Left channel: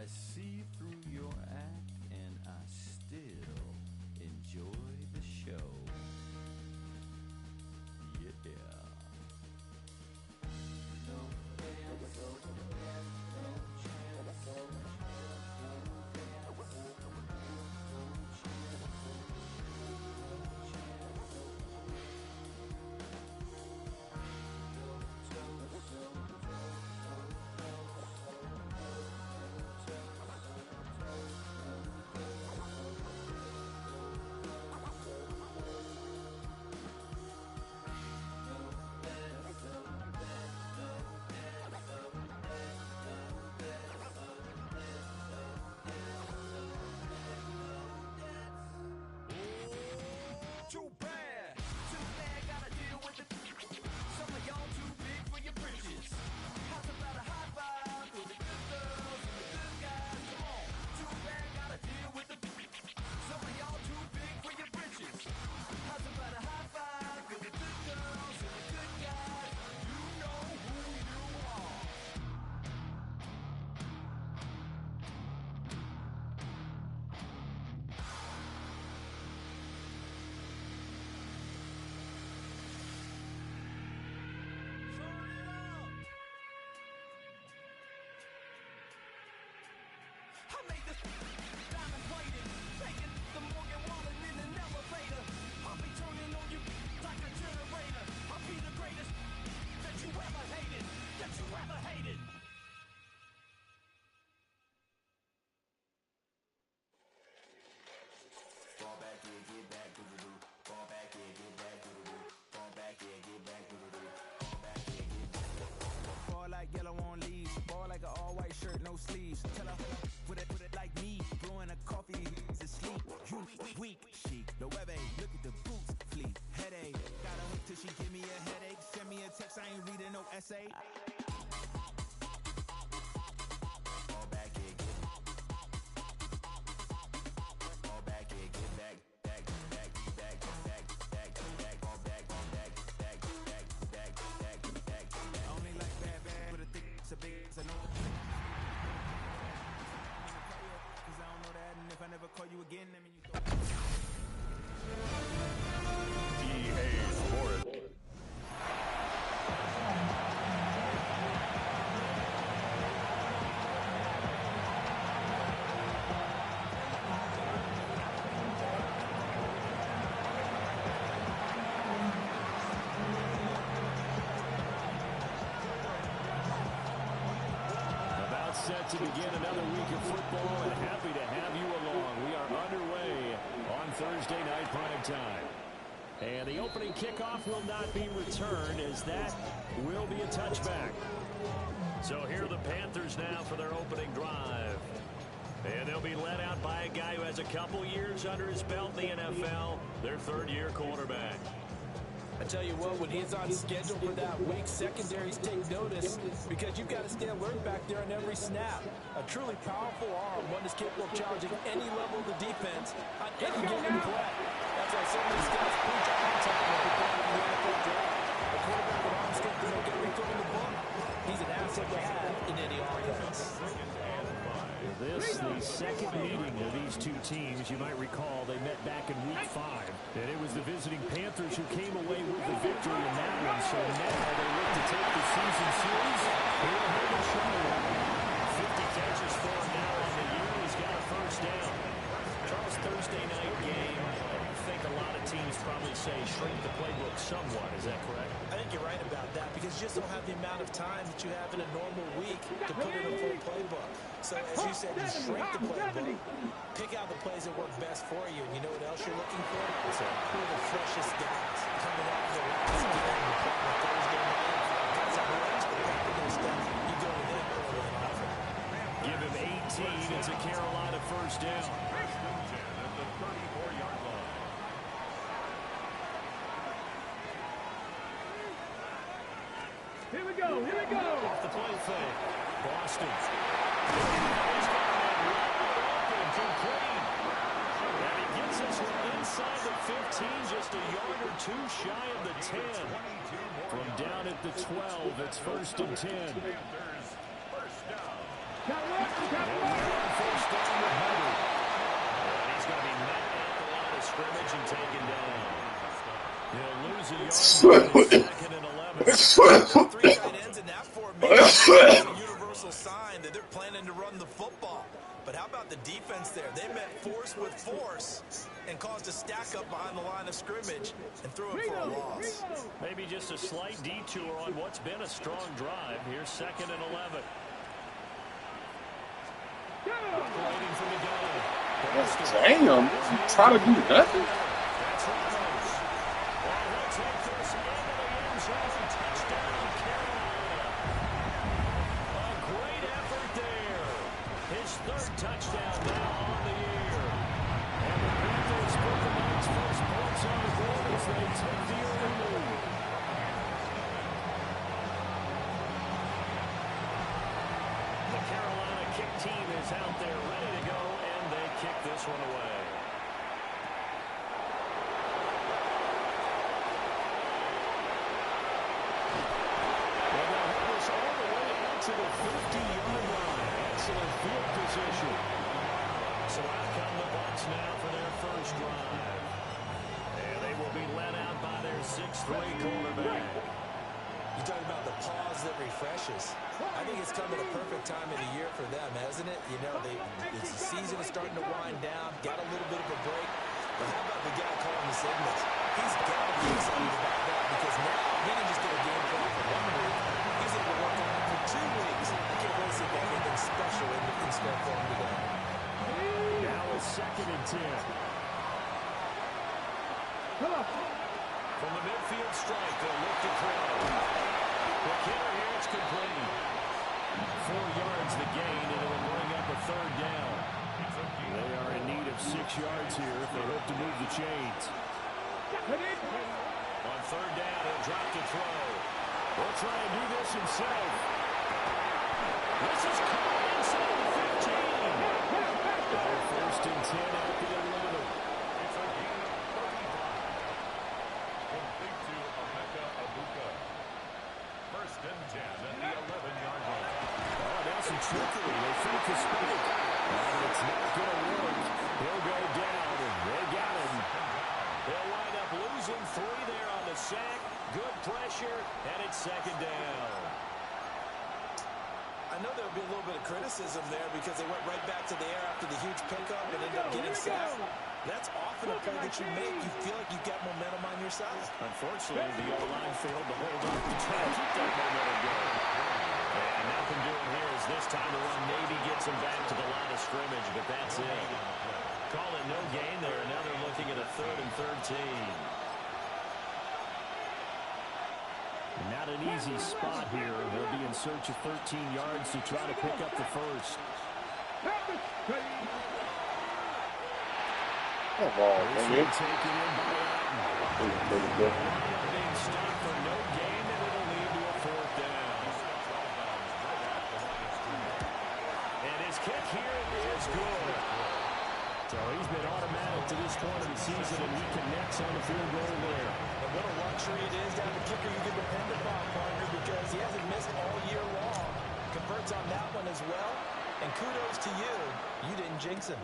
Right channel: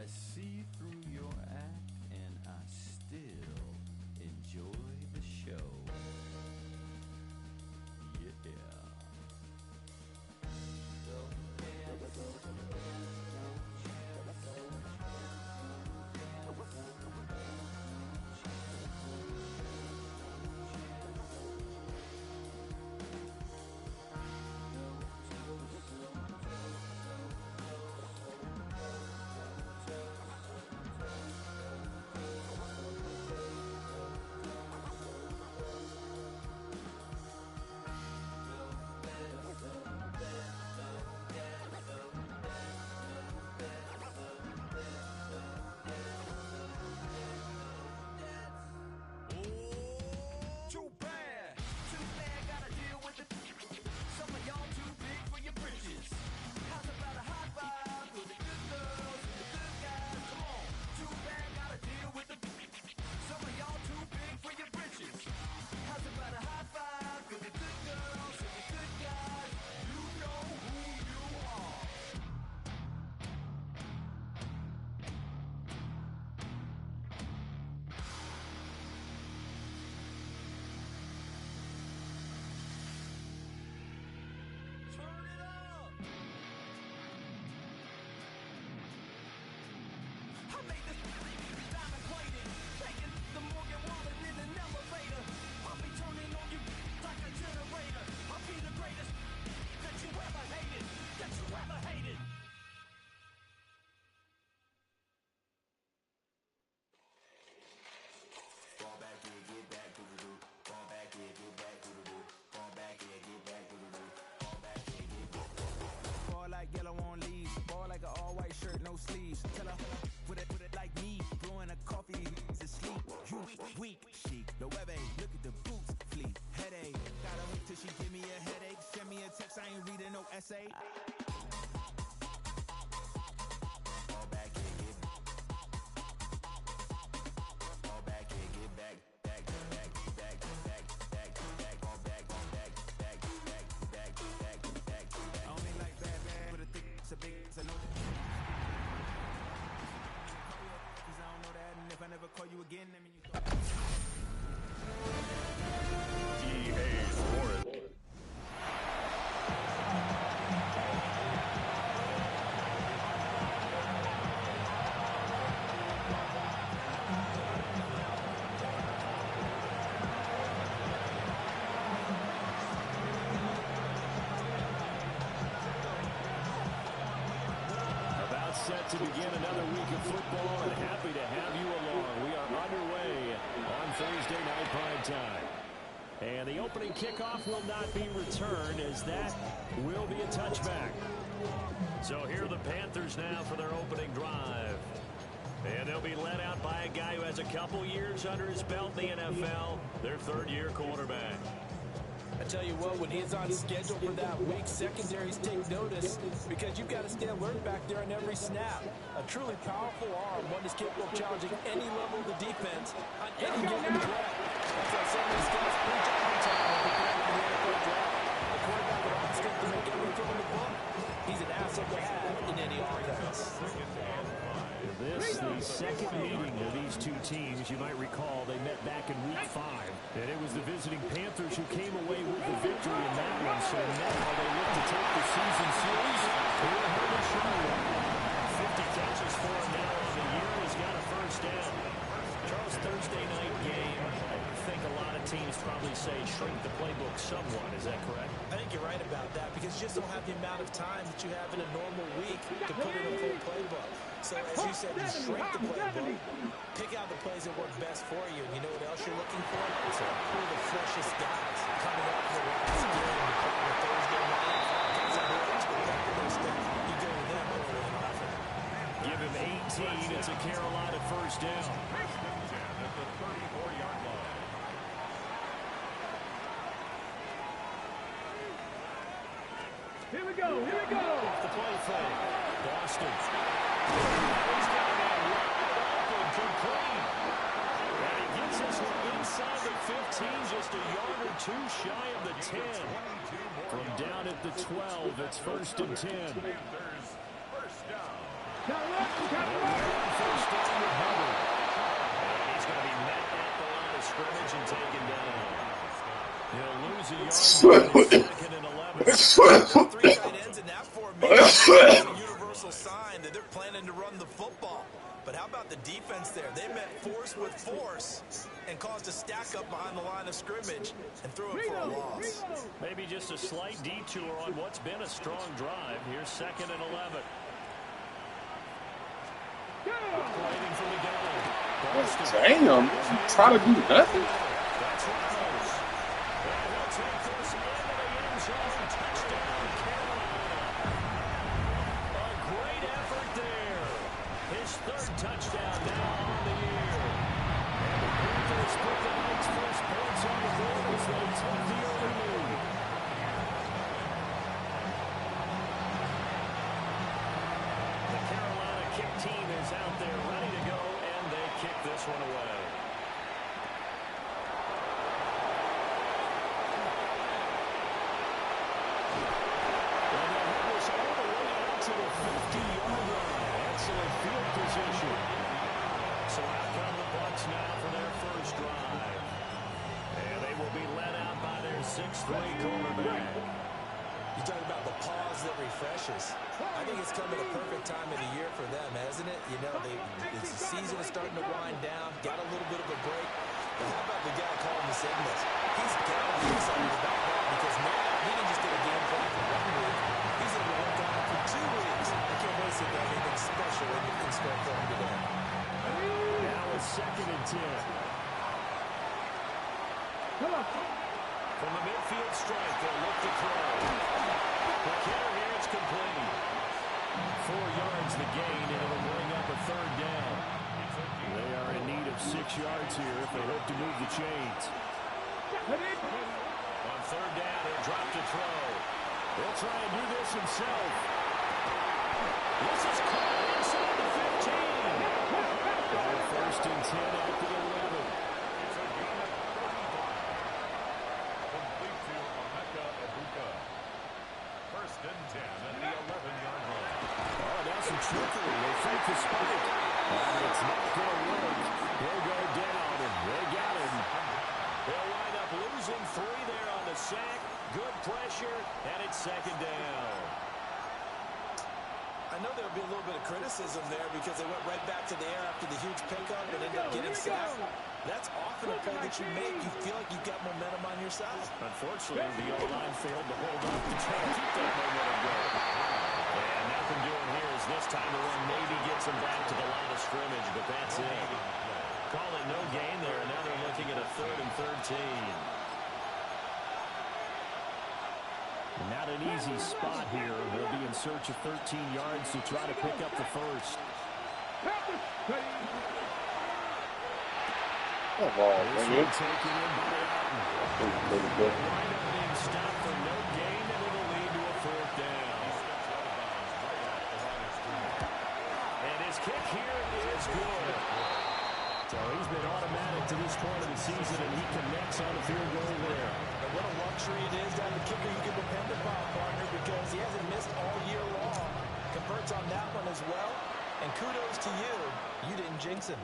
I see through your act and I still enjoy the show. Yeah. I made this diamond plated, taking the Morgan Wallen in an elevator. I'll be turning on you like a generator. I'll be the greatest that you ever hated, that you ever hated. Fall back here, get back, doo-doo-doo. Fall back here, get back, doo-doo-doo. Fall back here, get back, doo-doo-doo. Fall back here, get back. Ball like yellow on leaves. Ball like an all-white shirt, no sleeves. Tell her, put it like me. Blowing a coffee, he's asleep. You weak, chic. The web look at the boots, fleet. Headache. Gotta wait till she give me a headache. Send me a text, I ain't reading no essay. Fall back here, get back. Fall back here, get back. Back, back, back, back, back, back. Fall back, back, back, back, back, back, back. I only like bad, but a thick, it's a big, it's a no. Cause I don't know that, and if I never call you again, I mean you thought. EA Sports. About set to begin another week of football, and happy to have you along. We are underway on Thursday night prime time. And the opening kickoff will not be returned, as that will be a touchback. So here are the Panthers now for their opening drive. And they'll be led out by a guy who has a couple years under his belt in the NFL, their third-year quarterback. I tell you what, when he's on schedule for that week, secondaries take notice because you've got to stay alert back there on every snap. A truly powerful arm, one is capable of challenging any level of the defense on any given play. That's why so many scouts preach all the time when preparing for the NFL draft. A quarterback with arm strength to make every throw in the book. He's an asset to have in any offense. This, the second meeting of these two teams. You might recall they met back in Week 5. And it was the visiting Panthers who came away with the victory in that one. So now they look to take the season series here at home in Charlotte. 50 catches for him now on the year. He's got a first down. Charles, Thursday night game, I think a lot of teams probably say shrink the playbook somewhat. Is that correct? I think you're right about that because you just don't have the amount of time that you have in a normal week to put in a full playbook. So as you said, you shrink the playbook, pick out the plays that work best for you. And you know what else you're looking for? So who are the freshest guys coming off the last game to play on Thursday night? Guys that were expecting those steps, you go with them early and often. Give him 18. It's a Carolina first down. First and 10 at the 34-yard line. Here we go, here we go. Off the play fake. Boston. He's got a man wide open, complete. And he gets us inside the 15, just a yard or two shy of the 10. From down at the 12, it's first and 10. Panthers, first down. Got one, got one. starting with Hubbard. And he's going to be met at the line of scrimmage and taken down. He'll lose a yard on second and 11. 3 tight ends in that formation is a universal sign that they're planning to run the football. But how about the defense there? They met force with force and caused a stack up behind the line of scrimmage and threw it for a loss. Maybe just a slight detour on what's been a strong drive. Here's second and 11. Operating from the gun. Damn, try to do nothing. That's Ramos. And he'll take this into the end zone. Touchdown, Carolina. A great effort there. His third touchdown now on the year. And the Panthers put the Knights' first points on the board as they take the early lead. The Carolina kick team is out there ready to go, and they kick this one away. And they'll have this all the way out to the 50-yard line. Excellent field position. So out come the Bucs now for their first drive. And they will be led out by their 6'3" quarterback. You talk about the pause that refreshes. I think it's come at a perfect time of the year for them, hasn't it? You know, the season is starting to wind down, got a little bit of a break. But how about the guy calling the signals? He's got to be excited about that because now he didn't just get a game plan for 1 week. He's able to work on it for 2 weeks. I can't wait to see if there's anything special in store for him today. Now it's second and 10. Come on. From the midfield strike, they'll look to throw. Quick hitter here, it's complete. 4 yards the gain, and it'll bring up a third down. They are in need of 6 yards here if they hope to move the chains. On third down, he'll drop to throw. He'll try and do this himself. This is caught inside the 15. First and 10 at the 11. It's a gain of 35. Complete to Emeka Abuka. First and 10 at the 11-yard line. Oh, now some trickery. They fake the spike. And it's not going to work. He'll go down, and they got him. They'll wind up losing 3 there on the sack. Good pressure, and it's second down. I know there'll be a little bit of criticism there because they went right back to the air after the huge pickup and ended up getting sacked. That's often a play that you make. You feel like you've got momentum on your side. Unfortunately, the O-line failed to hold up to try and keep that momentum going. And nothing doing here is this time the run maybe gets them back to the line of scrimmage, but that's it. Call it no gain there, and now they're looking at a 3rd and 13. Not an easy spot here. They'll be in search of 13 yards to try to pick up the first. Come on, man. Taken in by Alton. They'll wind up being stopped for no gain, and it'll lead to a 4th down. And his kick here is good. So he's been automatic to this point of the season, and he connects on the field goal there. And what a luxury it is to have a kicker you can depend upon, partner, because he hasn't missed all year long. Converts on that one as well. And kudos to you. You didn't jinx him.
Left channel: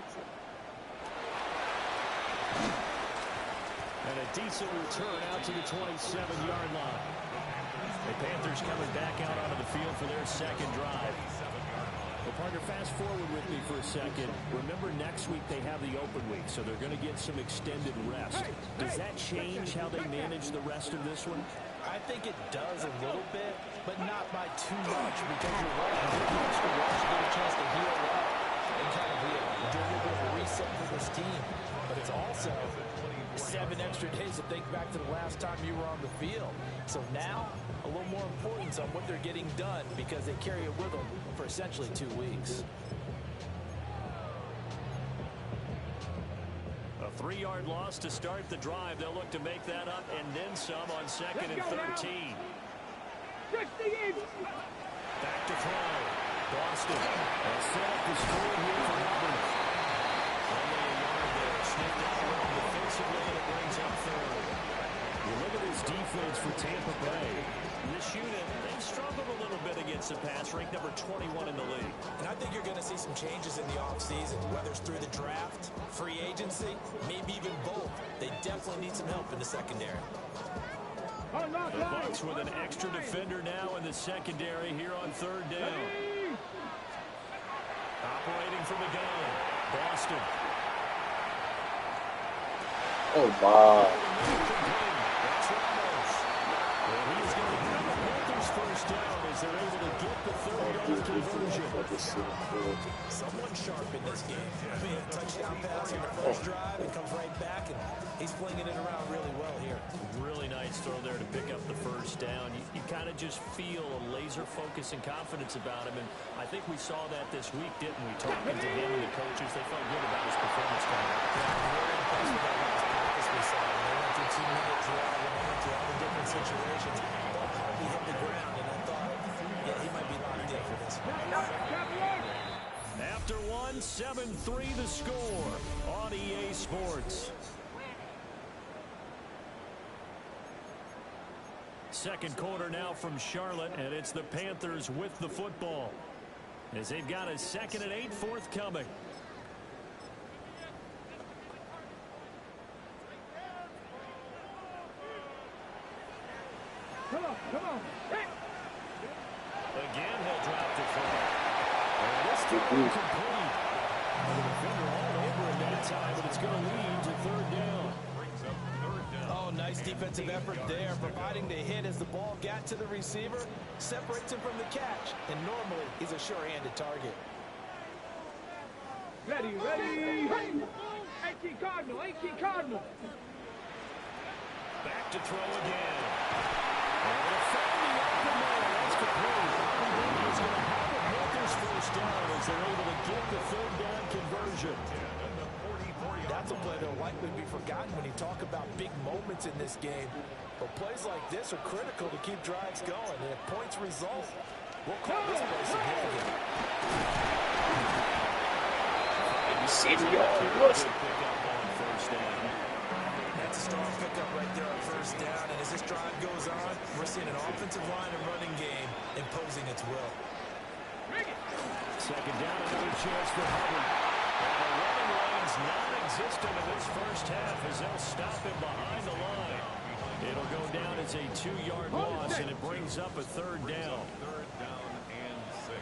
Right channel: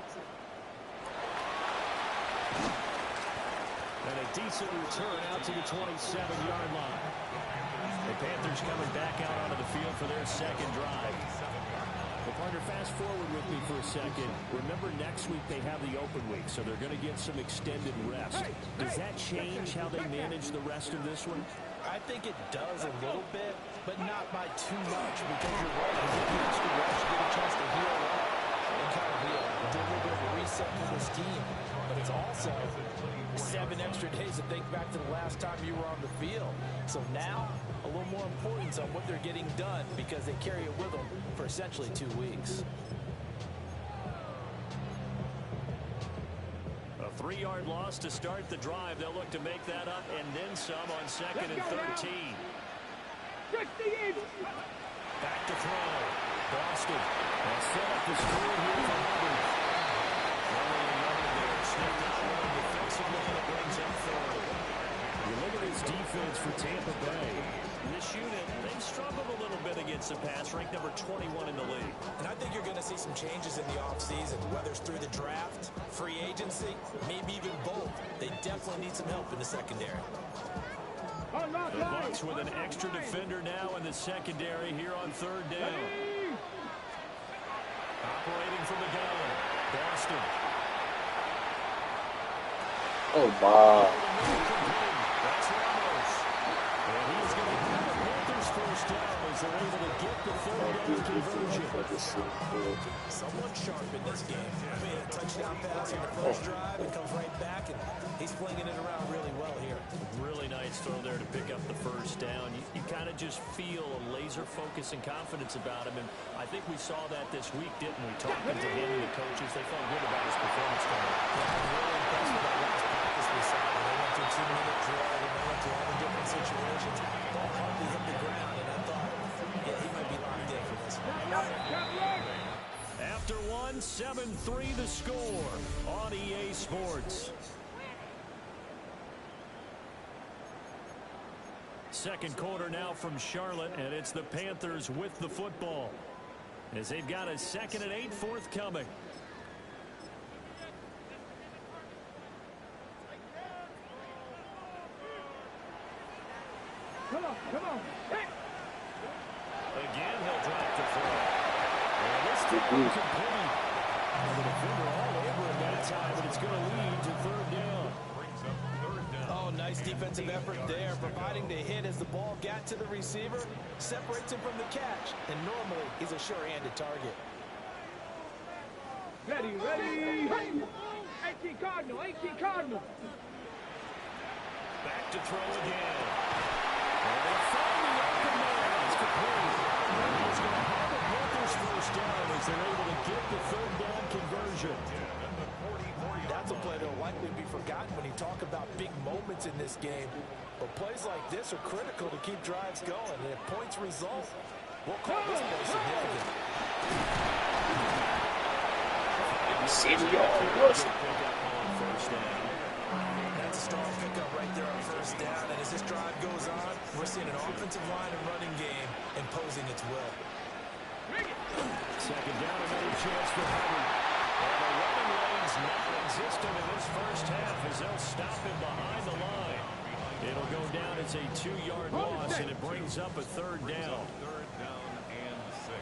And a decent return out to the 27-yard line. The Panthers coming back out onto the field for their second drive. Well, partner, fast forward with me for a second. Remember, next week they have the open week, so they're going to get some extended rest. Does that change how they manage the rest of this one? I think it does a little bit, but not by too much, because you're right. You get the extra rest, you get a chance to heal up and kind of do a little bit of a reset for this team. But it's also 7 extra days to think back to the last time you were on the field. So now, a little more importance on what they're getting done because they carry it with them for essentially 2 weeks. A 3-yard loss to start the drive. They'll look to make that up and then some on 2nd and 13. Back to throw. Boston has set up the screen here for Hubbard. Only a yard there. Snipped out well defensively, and it brings up 3rd. You look at his this defense for Tampa Bay. This unit, they've struggled a little bit against the pass, ranked number 21 in the league. And I think you're going to see some changes in the offseason, whether it's through the draft, free agency, maybe even both. They definitely need some help in the secondary. The Bucs with an extra defender now in the secondary here on third down. Operating from the gun, Boston. Oh, my. That's Ramos. And he's going to have the Panthers first down as they're able to get the third down conversion. Someone sharp in this game. I mean, a touchdown pass on the first drive and comes right back, and he's flinging it around really well here. Really nice throw there to pick up the first down. You kind of just feel a laser focus and confidence about him, and I think we saw that this week, didn't we? Talking to him and the coaches, they felt good about his performance tonight. Yeah, I was really impressed with that last practice we saw. When they went through 2-minute drill, when they went through all the different situations, the ball hardly hit the ground, and I thought, yeah, he might be locked in for this one. After one, 7-3 the score on EA Sports. Second quarter now from Charlotte, and it's the Panthers with the football as they've got a 2nd and 8 forthcoming. Come on. Hey. Again, he'll drop the throw. And this throw incomplete. The defender all over him that time, but it's going to lead to third down. Oh, nice defensive effort there, providing the hit as the ball got to the receiver, separates him from the catch, and normally he's a sure-handed target. Ready. Hey. 18 Cardinal. Back to throw again. And they'll find the open man. That's complete. And he's going to have the Panthers first down as they're able to get the third down conversion. That's a play that'll likely be forgotten when you talk about big moments in this game. But plays like this are critical to keep drives going. And if points result, we'll call this play significant. Pick up on first down. That's a strong pickup right there on first down. And as this drive goes on, we're seeing an offensive line and running game imposing its will. Second down, another chance for Hubbard. And the running lane's non-existent in this first half as they'll stop him behind the line. It'll go down as a 2-yard loss, and it brings up a third down. Third down and 6.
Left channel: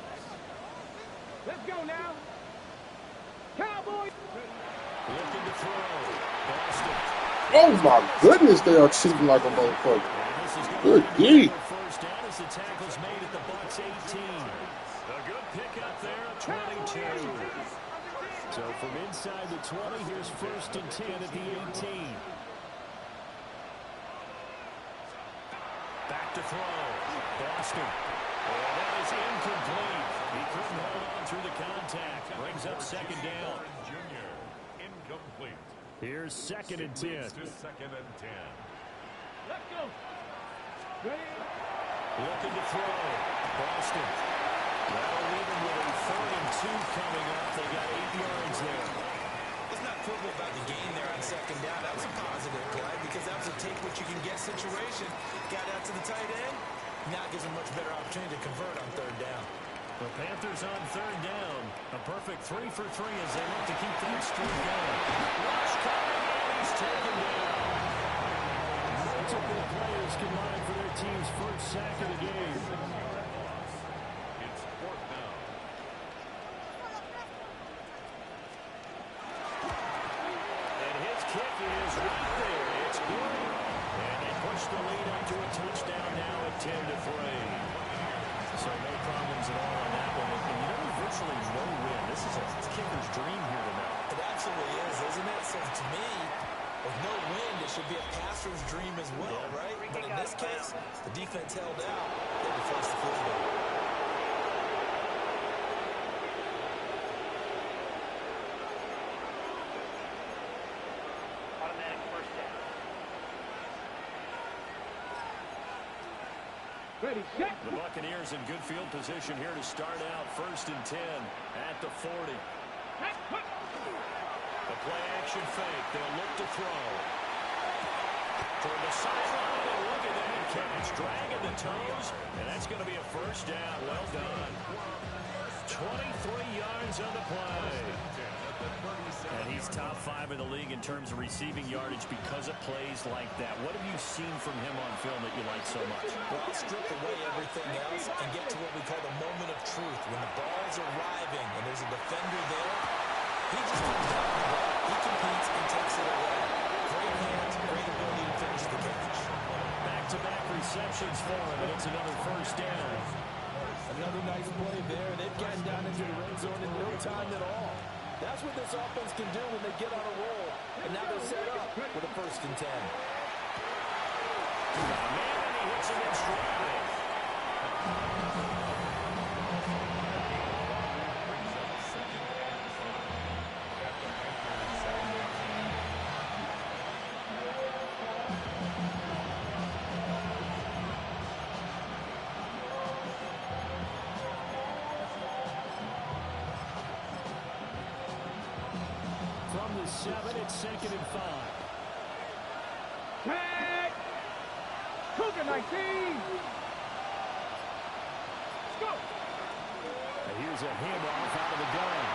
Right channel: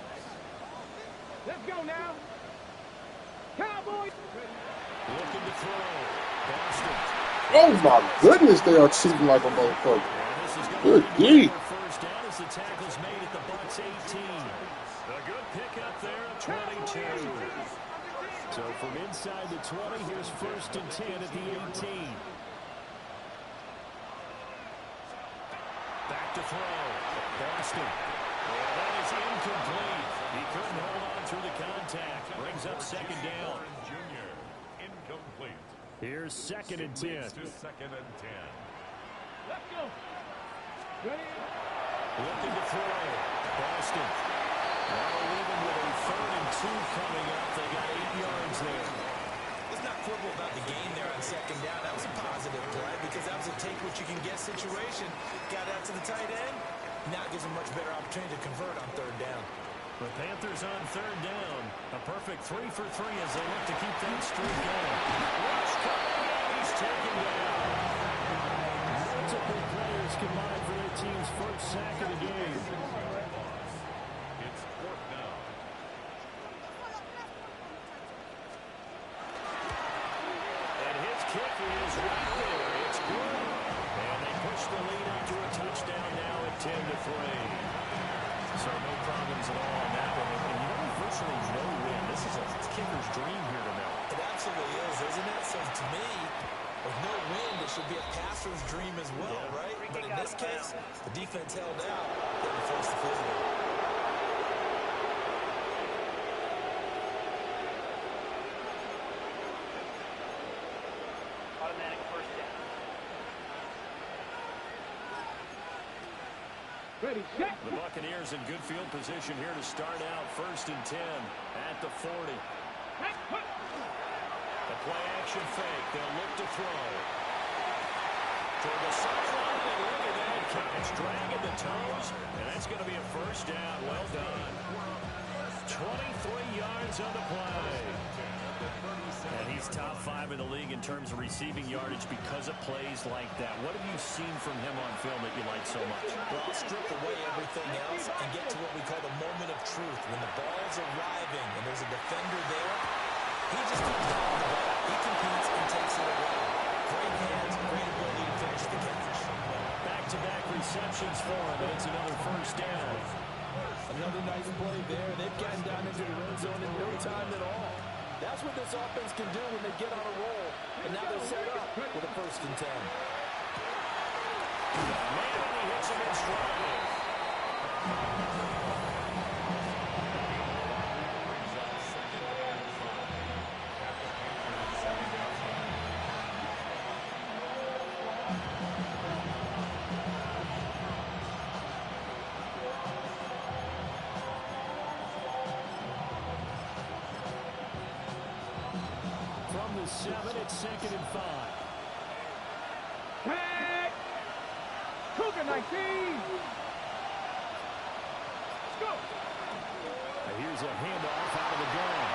Let's go now. Cowboys. Looking to throw. Boston. Oh, my goodness, they are cheating like a motherfucker. And this is going Good to D. be first down as the tackle's made at the Bucs 18. A good pickup there at 22. So from inside the 20, here's 1st and 10 at the 18. Back to throw. Boston. And that is incomplete. He couldn't hold on through the contact. Brings up 2nd down. Junior, incomplete. Here's 2nd and 10. To 2nd and 10. Let's go. Ready. Looking to throw. Boston. That'll leave them with a 3rd and 2 coming up. They got 8 yards there. Let's not quibble about the gain there on 2nd down. That was a positive play because that was a take-what-you-can-get situation. Got out to the tight end. Now gives them much better opportunity to convert on 3rd down. The Panthers on 3rd down. A perfect 3 for 3 as they look to keep that streak going. Rush coming, and he's taken down. Multiple players combined for their team's first sack of the game. It's 4th down. And his kick is right there. It's good. And they push the lead up to a touchdown now at 10-3. So no problems at all on that one. And you know, there's virtually no win. This is a kicker's dream here tonight. It absolutely is, isn't it? So to me, with no wind, it should be a passer's dream as well, right? But in this case, the defense held out. They had to force the field goal. Automatic first down. Ready, set. The Buccaneers in good field position here to start out 1st and 10 at the 40. The play action fake. They'll look to throw. toward the sideline, and look at that catch. Dragging the toes, and that's going to be a first down. Well done. 23 yards on the play. And he's top 5 in the league in terms of receiving yardage because of plays like that. What have you seen from him on film that you like so much? Well, I'll strip away everything else and get to what we call the moment of truth. When the ball's arriving and there's a defender there, he just comes down with the ball. He competes and takes it away. Great hands, great ability to finish the catch. Back-to-back receptions for him, and it's another first down. Another nice play there. They've gotten down into the red zone in no time at all. That's what this offense can do when they get on a roll. And now they're set up with a 1st and 10. Man, and he hits him in stride. Brings up 2nd and 5 at the Panthers' 7-yard line. From the 7, it's 2nd and 5. Tag! Cougar 19! Let's go! And here's a handoff out of the gun.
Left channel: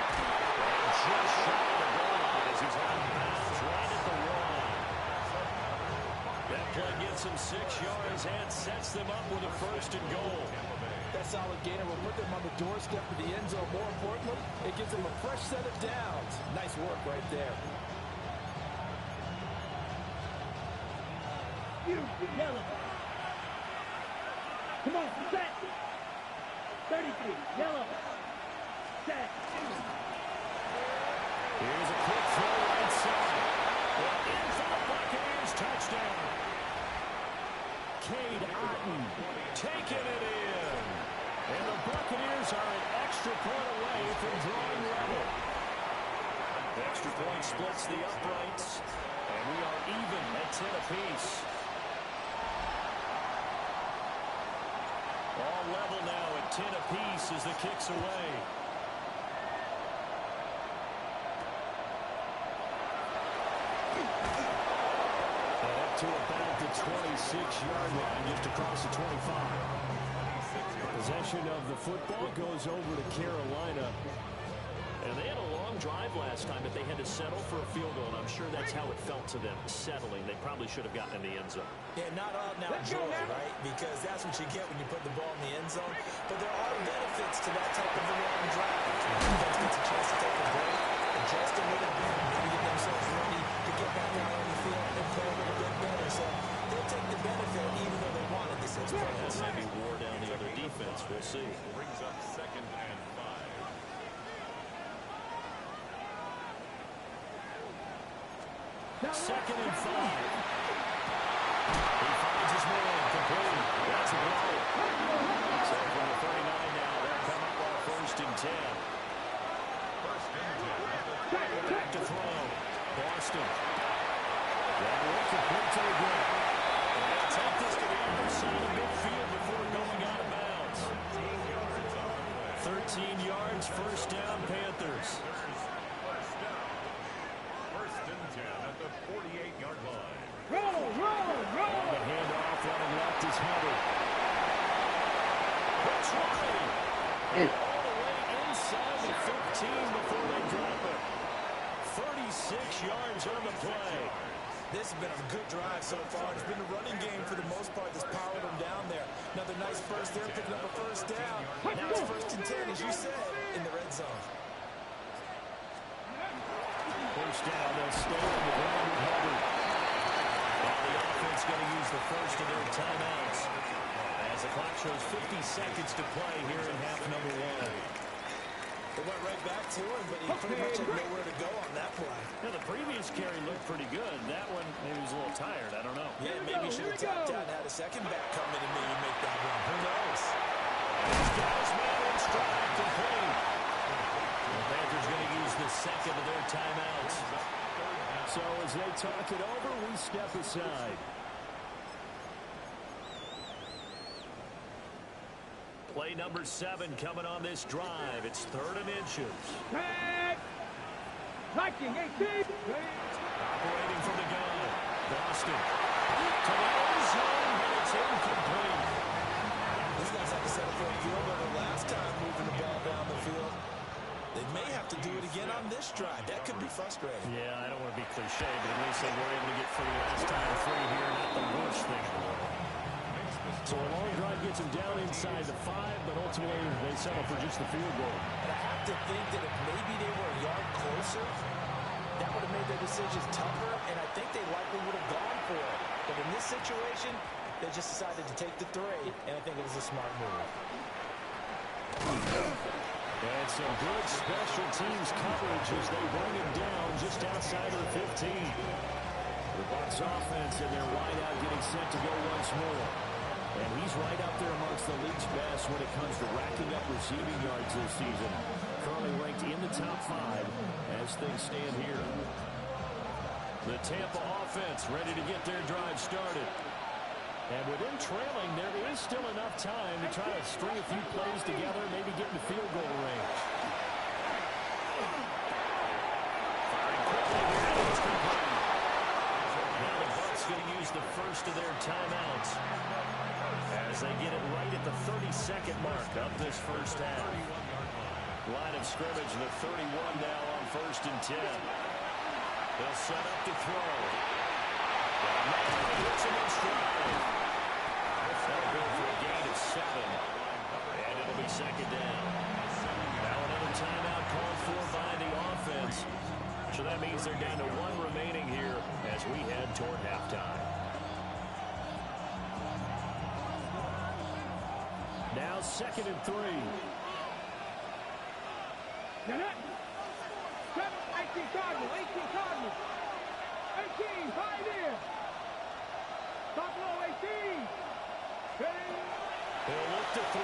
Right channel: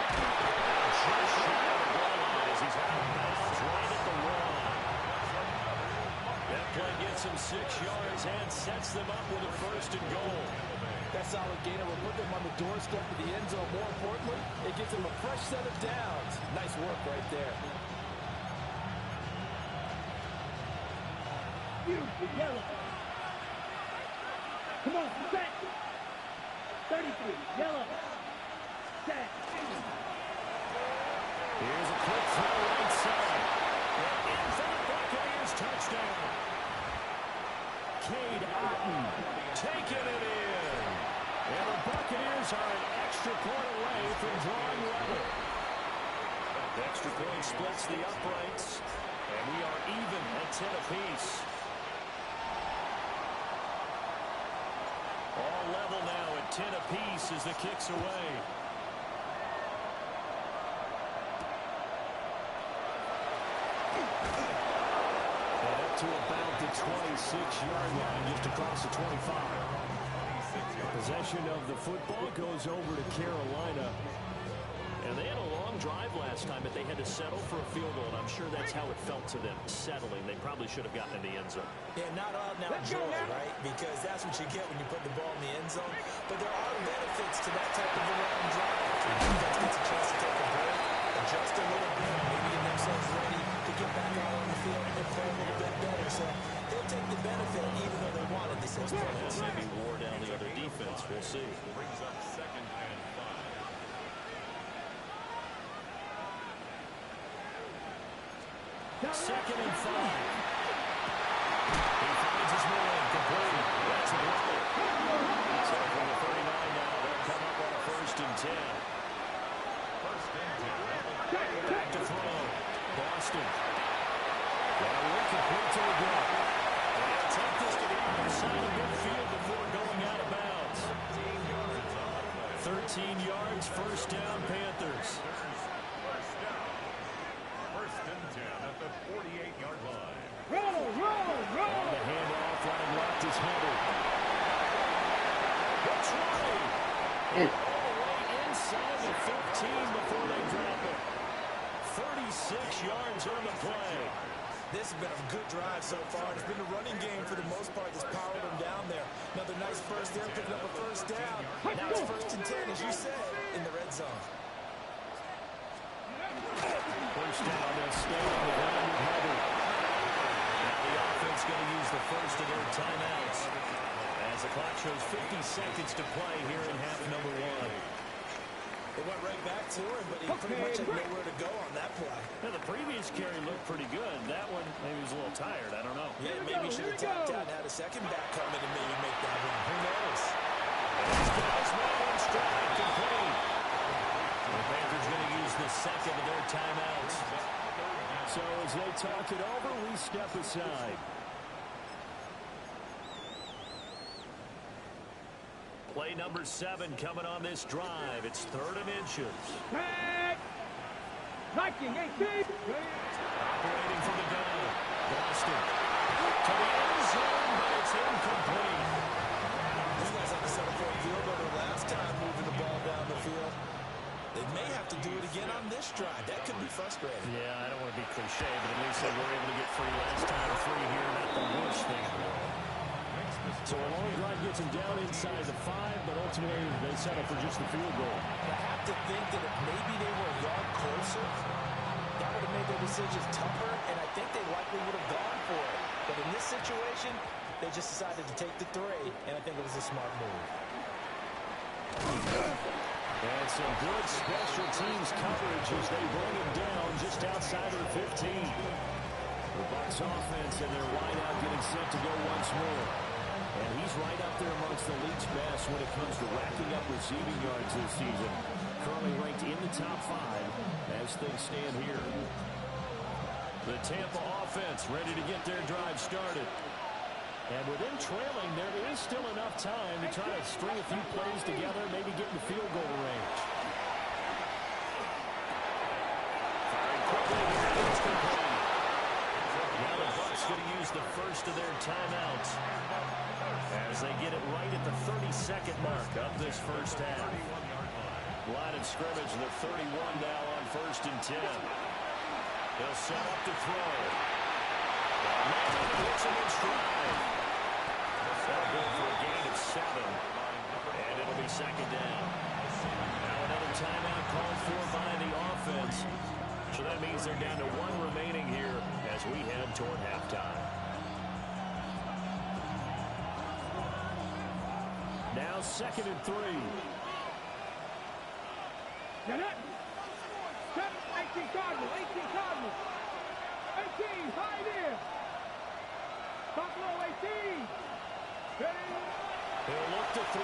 And just shy of the goal line as he's out of bounds right at the 1. That play gets him 6 yards and sets them up with a 1st and goal. That solid gainer will put them on the doorstep of the end zone. More importantly, it gives them a fresh set of downs. Nice work right there. Beautiful, yellow. Come on, set. 33, yellow. Set. Here's a quick throw right side. And in for the Buccaneers touchdown. Cade Otton taking it in. And the Buccaneers are an extra point away from drawing level. The extra point splits the uprights. And we are even at 10 apiece. All level now at 10 apiece as the kick's away. And up to about the 26-yard line, just across the 25. Possession of the football goes over to Carolina. And they had a long drive last time, but they had to settle for a field goal, and I'm sure that's how it felt to them, settling. They probably should have gotten in the end zone. Yeah, not all now joy, right? Because that's what you get when you put the ball in the end zone. But there are benefits to that type of a long drive. Your defense gets a chance to take a break, adjust a little bit, maybe get themselves ready to get back out on the field and play a little bit better. So they'll take the benefit even though they wanted the 6 points. Maybe wore down the other defense. We'll see. Brings up 2nd and 5. Second and 5. He finds his man, completed. That's a blow. So from the 39 now, they'll come up on a 1st and 10. 1st and 10. Back to throw. Boston. That will complete to the gut. And they'll take this to the other side of midfield before going out of bounds. 13 yards on the play. 13 yards, 1st down, Panthers. 1st down. 1st and 10 at the 48-yard line. Roll, roll, roll! On the handoff, running left is Hunter. That's right. All the way inside the 15 before they drop it. 36 yards on the play. This has been a good drive so far. It's been a running game for the most part that's powered them down there. Another nice burst there, picking up a 1st down. Now it's 1st and 10, as you said, in the red zone. 1st down, they'll stay on the ground with Hubbard. Now the offense going to use the first of their timeouts as the clock shows 50 seconds to play here in half number 1. They went right back to him, but he pretty much had nowhere to go on that play. Now, the previous carry looked pretty good. That one, maybe he was a little tired. I don't know. Yeah, maybe he should have tapped out and had a second back come in and maybe make that run. Who knows? These guys man in stride, complete. The Panthers going to use the second of their timeouts. So as they talk it over, we step aside. Play number 7 coming on this drive. It's 3rd and inches. Tag! Viking 18! Operating from the gun. Boston. To the end zone, but it's incomplete. These guys had to settle for a field goal their last time moving the ball down the field. They may have to do it again on this drive. That could be frustrating. Yeah, I don't want to be cliche, but at least they were able to get free last time. Free here, not the worst thing in the world. So a long drive gets them down inside the 5, but ultimately they settle for just the field goal. But I have to think that if maybe they were a yard closer, that would have made their decisions tougher, and I think they likely would have gone for it. But in this situation, they just decided to take the 3, and I think it was a smart move. And some good special teams coverage as they bring him down just outside of the 15. The Bucs offense and their wideout getting set to go once more. And he's right up there amongst the league's best when it comes to racking up receiving yards this season. Currently ranked in the top 5 as things stand here. The Tampa offense ready to get their drive started. And with them trailing, there is still enough time to try to string a few plays together, maybe get into field goal range. Firing quickly here, and it's complete. Now the Bucs going to use the first of their timeouts as they get it right at the 32nd mark of this first half. Line of scrimmage, the 31 now on 1st and 10. They'll set up to throw. Madden hits him in stride. That'll go for a gain of 7. And it'll be 2nd down. Now another timeout called for by the offense. So that means they're down to 1 remaining here as we head toward halftime. Now 2nd and 3. Get it. 7, 18 Cardinals, 18 Cardinals. 18, high there. Top low, 18. Ready? He'll look to throw.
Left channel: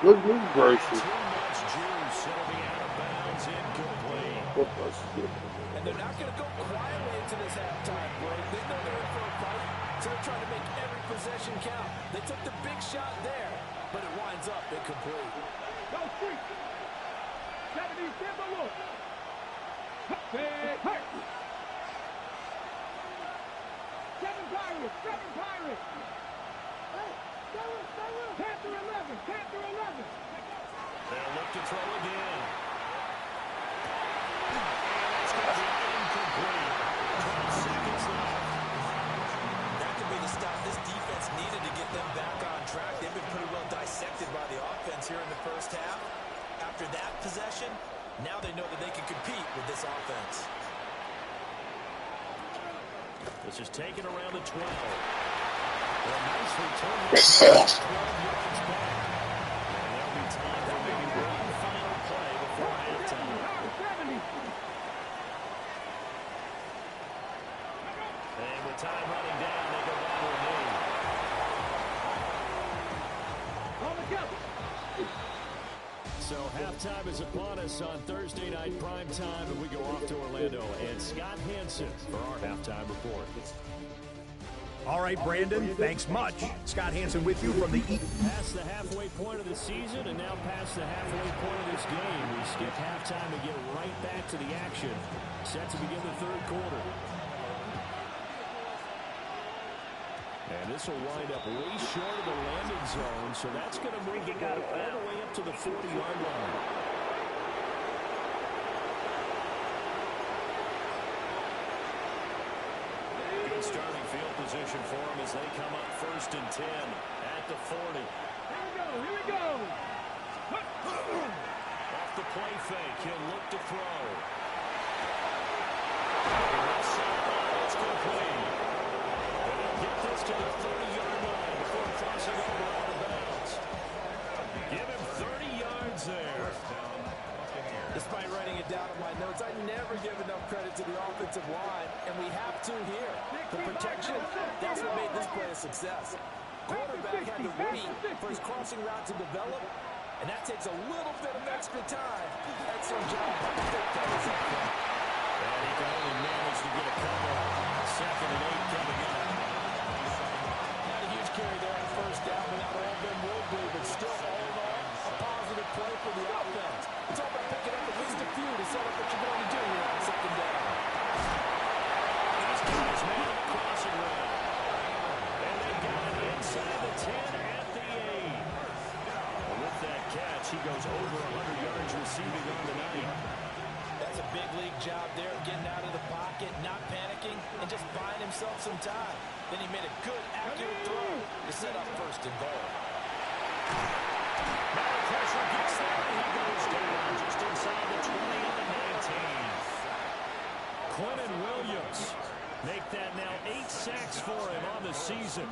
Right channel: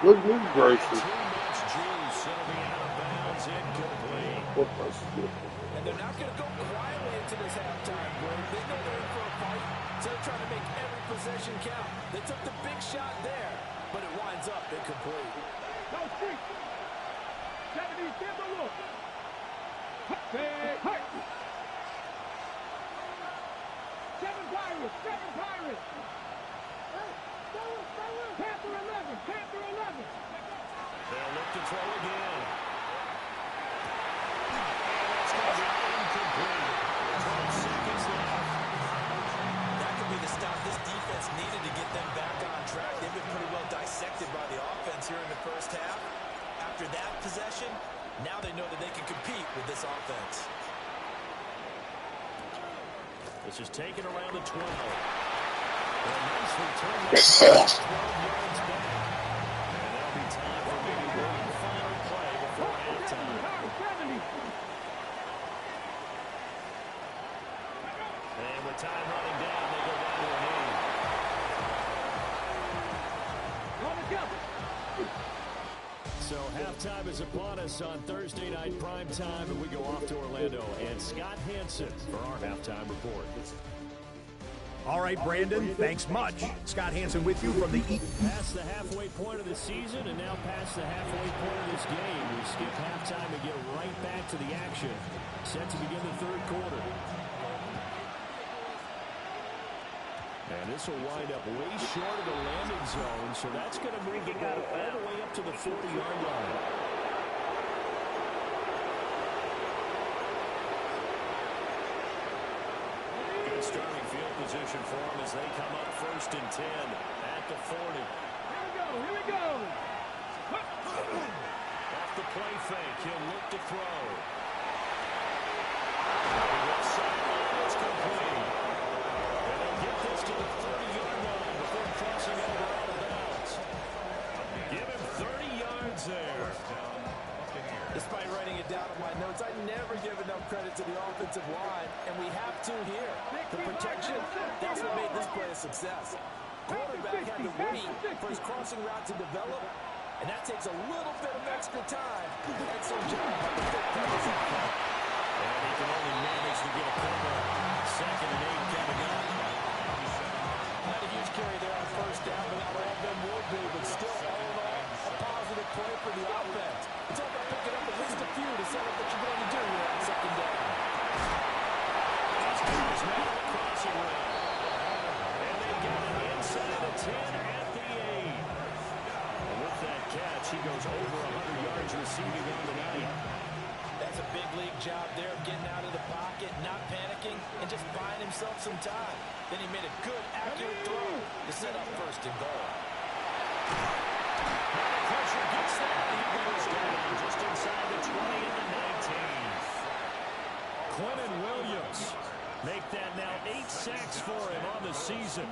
Goodness gracious. Too much juice. It'll be out of bounds, incomplete. What was it? And they're not going to go quietly into this halftime break. They know they're in for a fight, so they're trying to make every possession count. They took the big shot there, but it winds up incomplete. No street. 70, Timber look. Hey, hey. 7 Pirates, 7 Pirates. Hey, Panther 11, Panther 11. They'll look to throw again. And that's going to be incomplete. 12 seconds left. That could be the stop this defense needed to get them back on track. They've been pretty well dissected by the offense here in the first half. After that possession, now they know that they can compete with this offense. This is taken around the 12. Well, a nice return there. 12 yards back. And there'll be time for maybe one final play before halftime. 70. And with time running down, they go down to a knee. On the jump. So halftime is upon us on Thursday night prime time, and we go off to Orlando. And Scott Hansen for our halftime report. All right, Brandon, thanks much. Scott Hansen with you from the Past the halfway point of the season and now past the halfway point of this game. We skip halftime and get right back to the action. Set to begin the third quarter. And this will wind up way short of the landing zone, so that's going to move the ball all the way up to the 40-yard line. Good starting field position for them as they come up 1st and 10 at the 40. Here we go. Off the play fake, he'll look to throw. Left sideline, it's complete. And they'll get this to the 30-yard line before crossing over out of bounds. Give him 30 yards there. Despite writing it down in my notes, I never give enough credit to the offensive line, and we have to here. The protection, that's what made this play a success. Quarterback had to wait for his crossing route to develop, and that takes a little bit of extra time. Excellent job by the fit fellas up front. And he can only manage to get a couple. 2nd and 8 coming up. Not a huge carry there on 1st down, but not all of them will be, but still all in all, a positive play for the offense. It's all about picking up at least a few to set up what you're going to do here on 2nd down. goes over 100 yards receiving on the night. That's a big league job there of getting out of the pocket, not panicking, and just buying himself some time. Then he made a good, accurate throw to set up first and goal. Now the pressure gets there, and he goes down just inside the 20 and the 19. Quinnen Williams make that now 8 sacks for him on the season.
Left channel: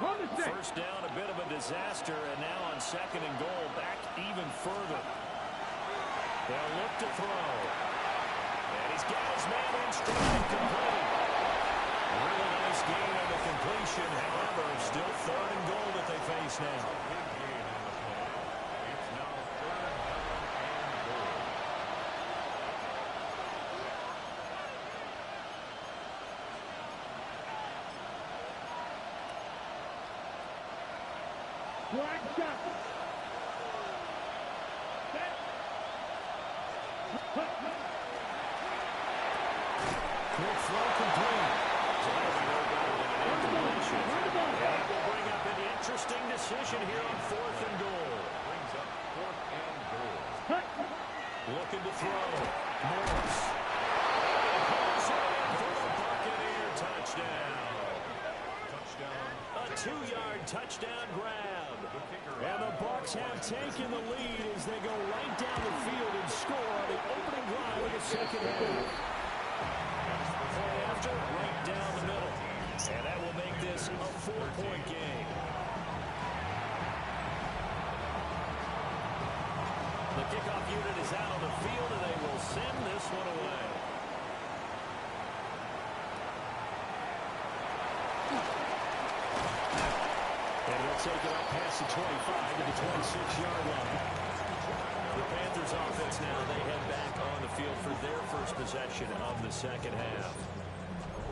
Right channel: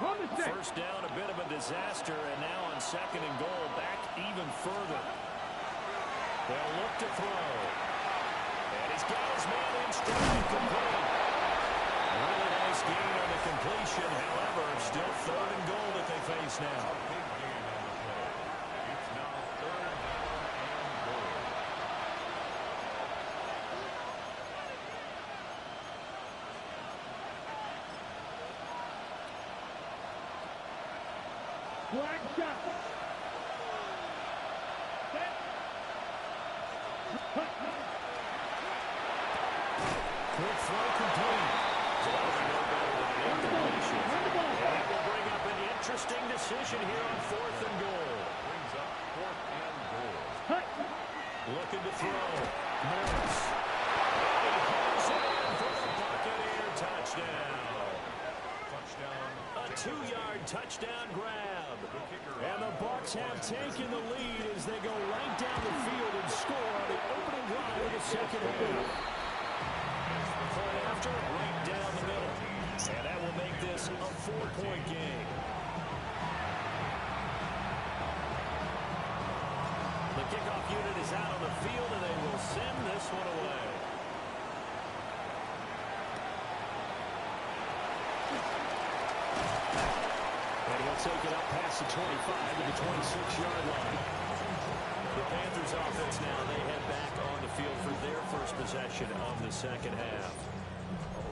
First down, a bit of a disaster, and now on second and goal, back even further. They'll look to throw. And he's got his man in stride, complete. Really nice gain on the completion. However, still third and goal that they face now. A big gain on the play. It's now third down and goal. Black shot. Quick throw complete. So that'll be no better than an incompletion. And that will bring up an interesting decision here on fourth and goal. Brings up fourth and goal. Looking to throw. Morris. And he pulls it in for the Buccaneer touchdown. A 2-yard touchdown grab. And the Bucs have taken the lead as they go right down the field and score on the opening drive of the second half. Point after, right down the middle. And that will make this a 4-point game. The kickoff unit is out on the field, and they will send this one away. And he'll take it up past the 25 to the 26-yard line. The Panthers offense now, they head back on the field for their first possession of the second half.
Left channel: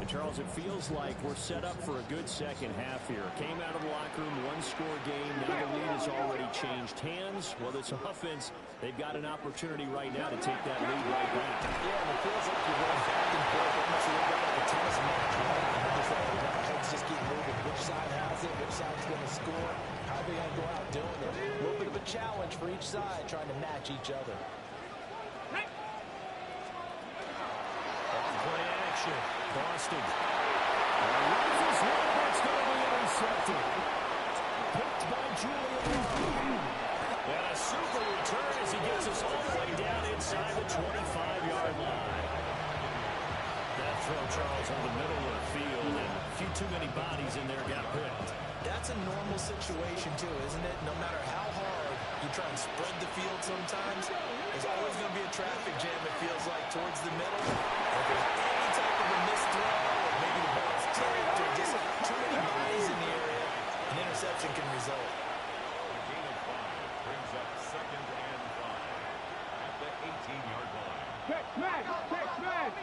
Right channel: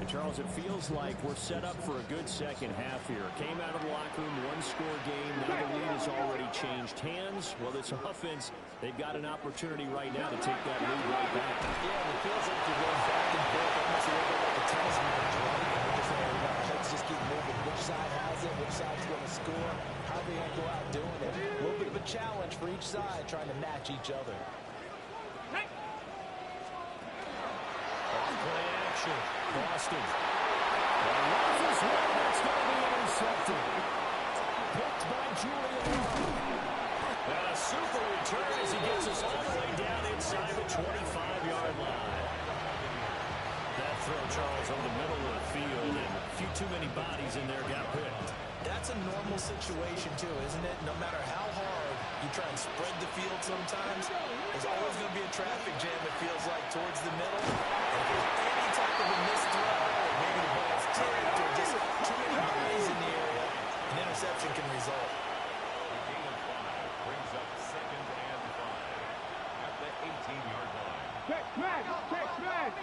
And Charles, it feels like we're set up for a good second half here. Came out of the locker room, one-score game. Now the lead has already changed hands. Well, this offense, they've got an opportunity right now to take that lead right back. Yeah, and it feels like you're going back and forth, almost a little bit like a tennis match, right? And we're just let's just keep moving. Which side has it? Which side's going to score? How are they going to go out doing it? A little bit of a challenge for each side, trying to match each other. Play action. Boston. Rifles one that's going to be intercepted. Picked by Julian Love. And a super return as he gets us all the way down inside the 25-yard line. That throw, Charles, over the middle of the field, and a few too many bodies in there got picked. That's a normal situation, too, isn't it? No matter how hard you try and spread the field sometimes, there's always going to be a traffic jam, it feels like, towards the middle. And if there's any type of a missed throw, or maybe the ball's tipped, or just too many bodies in the area, an interception can result. A gain of 5 brings up second and 5 at the 18-yard line. Check smash! Check smash!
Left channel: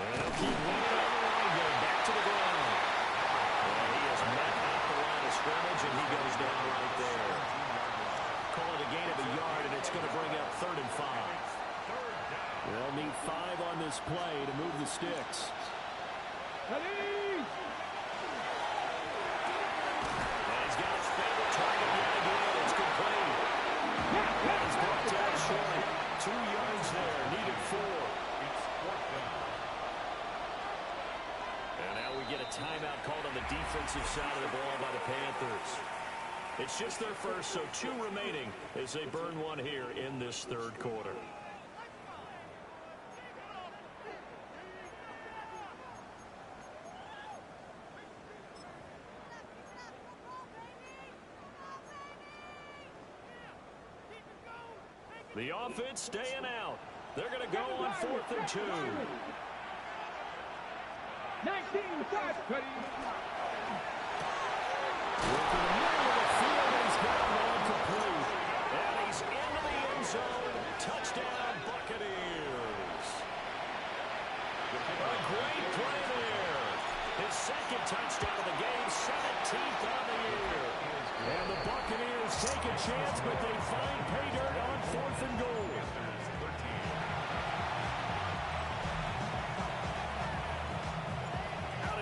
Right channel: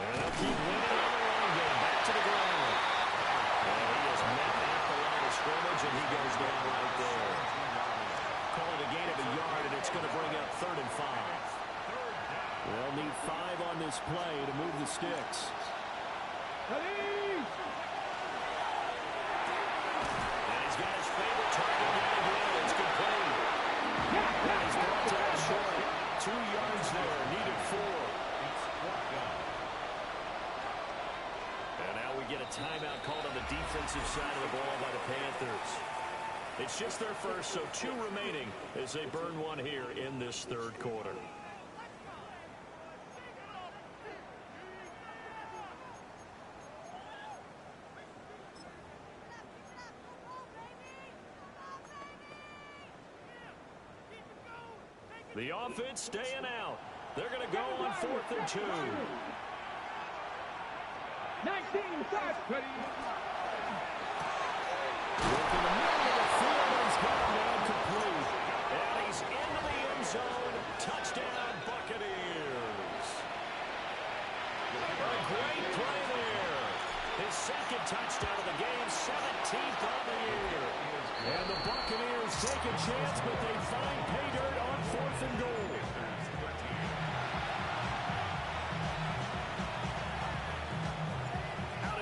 And they'll keep winning on the running game. Back to the ground. And he is met at the line of scrimmage, and he goes down right there. Call it a gain of a yard, and it's going to bring up third and 5. They'll need 5 on this play to move the sticks. And he's got his favorite target yet again. It's complete. And he's brought down short. 2 yards there, needed 4. It's fourth down. And now we get a timeout called on the defensive side of the ball by the Panthers. It's just their first, so 2 remaining as they burn one here in this third quarter. The offense staying out. They're going to go on 4th and 2. 19, start, ready. Look in the middle of the field, and he's got a man complete. And he's into the end zone. Touchdown, Buccaneers. A great play there. His second touchdown of the game, 17th on the year. And the Buccaneers take a chance, but they find pay dirt on 4th and goal.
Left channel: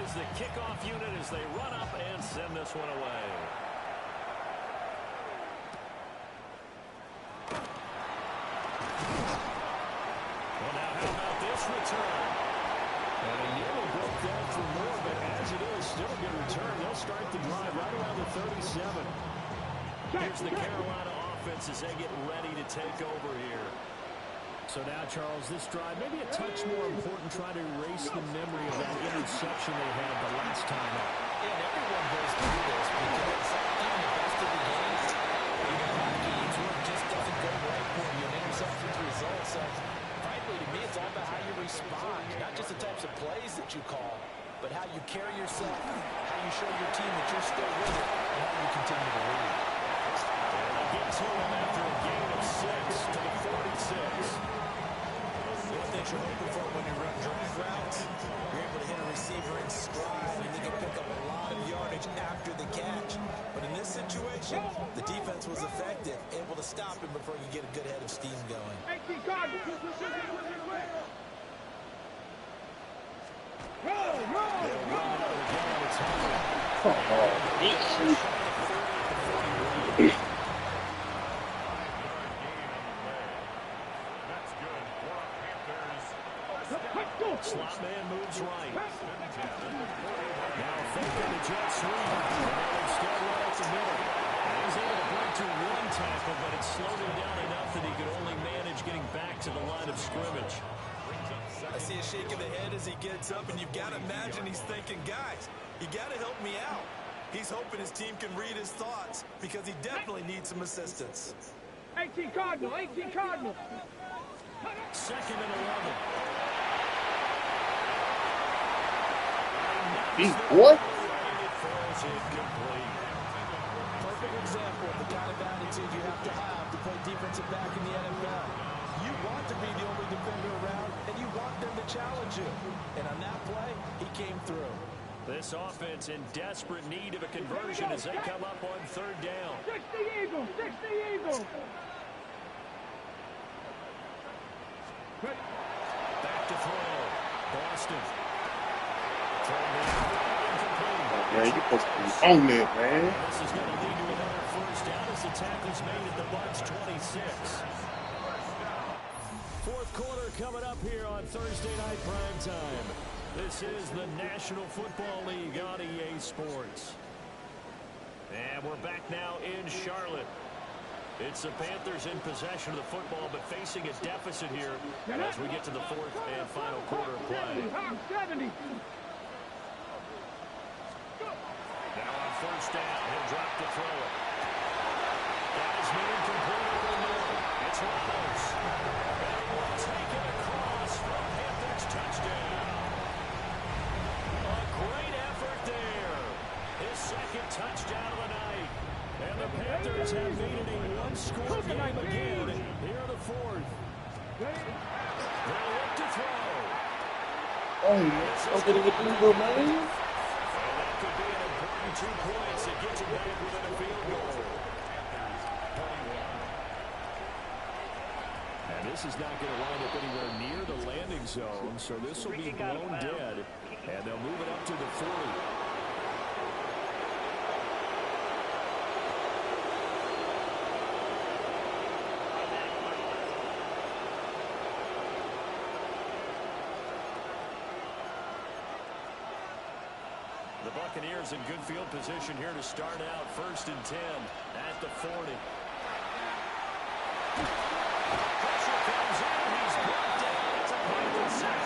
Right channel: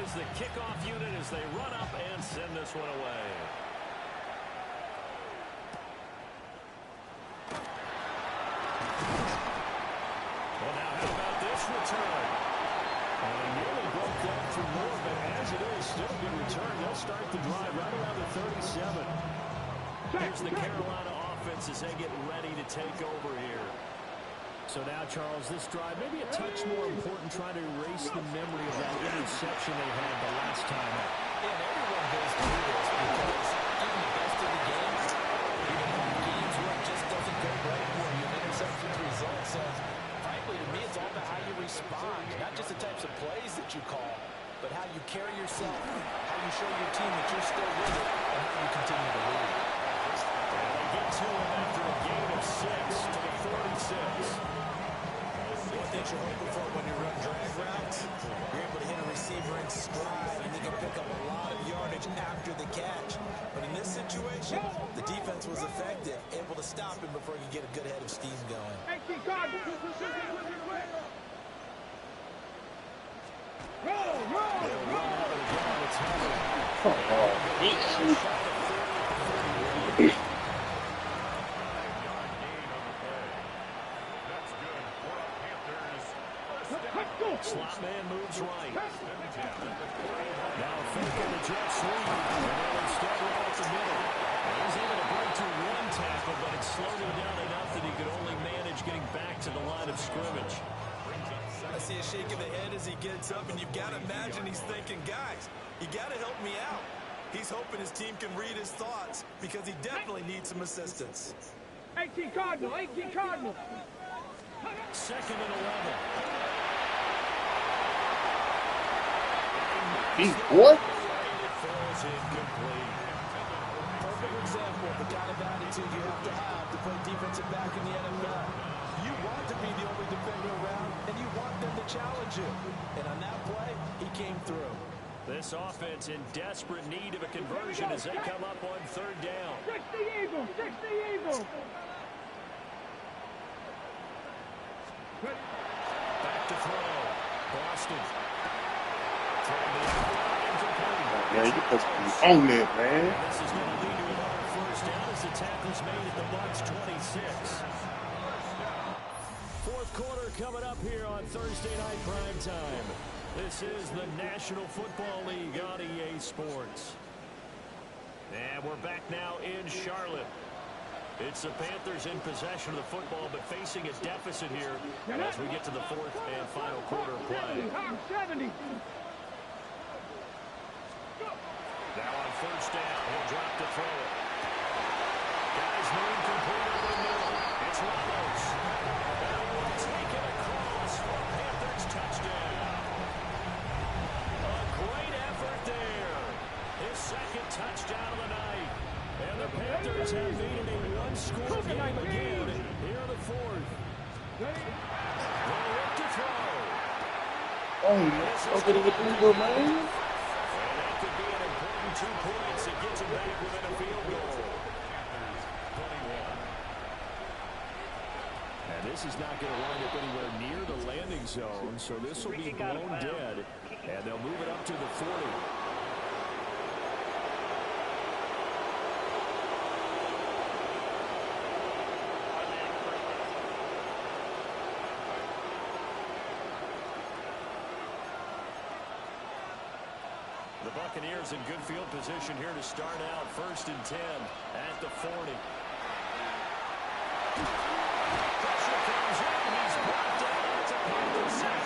is the kickoff unit as they run up and send this one away. Well, now how about this return? And he nearly broke that for more, but as it is, still a good return. They'll start the drive right around the 37. Here's the Carolina offense as they get ready to take over here. So now, Charles, this drive maybe a touch more important, trying to erase the memory of that interception they had the last time out. Yeah, and everyone goes through this because even the best of the games, even in games where it just doesn't go right for you, an interception's result. So, frankly, to me, it's all about how you respond, not just the types of plays that you call, but how you carry yourself, how you show your team that you're still with it, and how you continue to lead. And they get to him after a gain of 6 to the 46. One thing you're hoping for when you run drag routes, you're able to hit a receiver in stride, and he can pick up a lot of yardage after the catch. But in this situation, the defense was effective, able to stop him before he could get a good head of steam going. They'll run out of the gun. It's Hunter. Slot man moves right. Now faking the jet sweep. And they'll instead run up the middle. And he's able to break through one tackle, but it slowed him down enough that he could only manage getting back to the line of scrimmage. I see a shake of the head as he gets up, and you've got to imagine he's thinking, guys, you got to help me out. He's hoping his team can read his thoughts because he definitely needs some assistance. 18 Cardinal, 18 Cardinal. Second and 11. Big boy. It falls incomplete. Perfect example of the kind of attitude you have to play defensive back in the NFL. You want to be the only defender around, and you want them to challenge you. And on that play, he came through. This offense in desperate need of a conversion as they come up on third down. 60 Eagles, 60 Eagles. Back to throw. Boston. Throwing the incomplete. Man, you supposed to be on that, man. And this is going to lead to another first down as the tackle's made at the Bucs 26. Fourth quarter coming up here on Thursday Night Prime Time. This is the National Football League on EA Sports. And we're back now in Charlotte. It's the Panthers in possession of the football, but facing a deficit here as we get to the fourth and final quarter of play. 70. Now on first down, he'll drop to throw it. Guys moving complete over the middle. It's Ramos. And he will take it across for a Panthers touchdown. A great effort there. His second touchdown of the night. And the Panthers have made it a one-score game again here in the fourth. They'll look to throw. Oh, let's get it with Eagle, man. And that could be an important 2 points that gets him back within a field goal. And this is not going to wind up anywhere near the landing zone, so this will be blown dead. And they'll move it up to the 40. The Buccaneers in good field position here to start out. 1st and 10 at the 40. Pressure comes in. He's brought down. It's a Panthers sack.